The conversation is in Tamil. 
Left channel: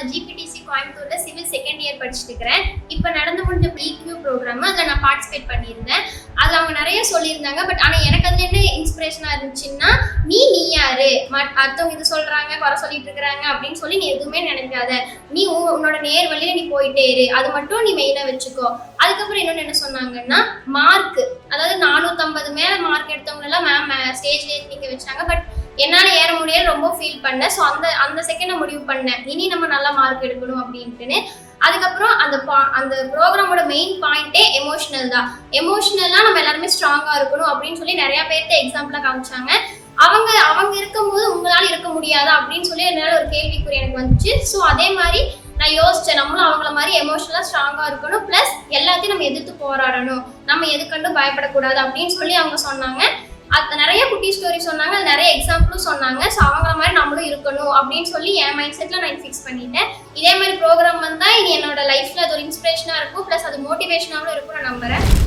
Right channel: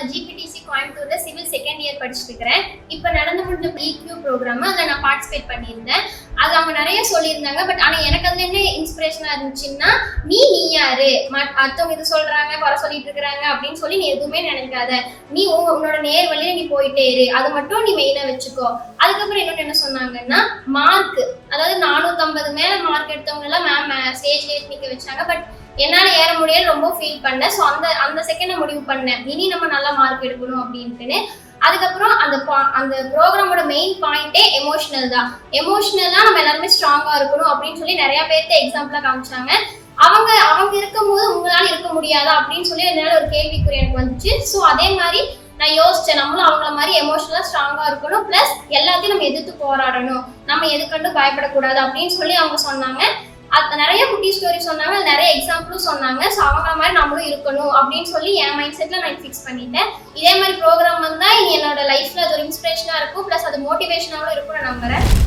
நான் ஜிபிடிசி கோயம்புத்தூர்ல சிவில் செகண்ட் இயர் படிச்சுட்டு இருக்கிறேன் இப்போ நடந்து முடிஞ்ச பிக்யூ ப்ரோக்ராம் அதில் நான் பார்ட்டிசிபேட் பண்ணியிருந்தேன். அது அவங்க நிறைய சொல்லியிருந்தாங்க பட் ஆனால் எனக்கு அதுல என்ன இன்ஸ்பிரேஷனாக இருந்துச்சுன்னா நீ நீ யாரு? மத்- அடுத்தவங்க இது சொல்றாங்க வர சொல்லிட்டு இருக்கிறாங்க அப்படின்னு சொல்லி நீ எதுவுமே நினைக்காத. நீ உன்னோட நேர் வழியில நீ போயிட்டே இரு. அது மட்டும் நீ மெயினாக வச்சுக்கோ. அதுக்கப்புறம் இன்னொன்று என்ன சொன்னாங்கன்னா மார்க் அதாவது நானூற்றம்பது மேலே மார்க் எடுத்தவங்க எல்லாம் மேம் ஸ்டேஜ்லேயே நிற்க வச்சாங்க பட் என்னால் ஏற முடியாது ரொம்ப ஃபீல் பண்ணேன் ஸோ அந்த அந்த செகண்டை முடிவு பண்ணேன். இனி நம்ம நல்லா மார்க் எடுக்கணும் அப்படின்ட்டுன்னு. அதுக்கப்புறம் அந்த பா- அந்த ப்ரோக்ராமோட மெயின் பாயிண்டே எமோஷனல் தான். எமோஷனலாக நம்ம எல்லாருமே ஸ்ட்ராங்காக இருக்கணும் அப்படின்னு சொல்லி நிறைய பேர்த்த எக்ஸாம்பிளாக காமிச்சாங்க. அவங்க அவங்க இருக்கும்போது உங்களால இருக்க முடியாதா அப்படின்னு சொல்லி என்னால் ஒரு கேள்விக்குறி எனக்கு வந்துச்சு. ஸோ அதே மாதிரி நான் யோசிச்சேன். நம்மளும் அவங்கள மாதிரி எமோஷனலாக ஸ்ட்ராங்காக இருக்கணும். ப்ளஸ் எல்லாத்தையும் நம்ம எதிர்த்து போராடணும். நம்ம எதுக்கண்டும் பயப்படக்கூடாது அப்படின்னு சொல்லி அவங்க சொன்னாங்க. அது நிறைய குட்டி ஸ்டோரி சொன்னாங்க நிறைய எக்ஸாம்பிளும் சொன்னாங்க. ஸோ அவங்க மாதிரி நம்மளும் இருக்கணும் அப்படின்னு சொல்லி என் மைண்ட் செட்டில் நான் ஃபிக்ஸ் பண்ணிட்டேன். இதே மாதிரி ப்ரோக்ராம் வந்தால் இது என்னோட லைஃப்பில் அது ஒரு இன்ஸ்பிரேஷனாக இருக்கும். ப்ளஸ் அது மோட்டிவேஷனாகவும் இருக்கும் நான் நம்புறேன்.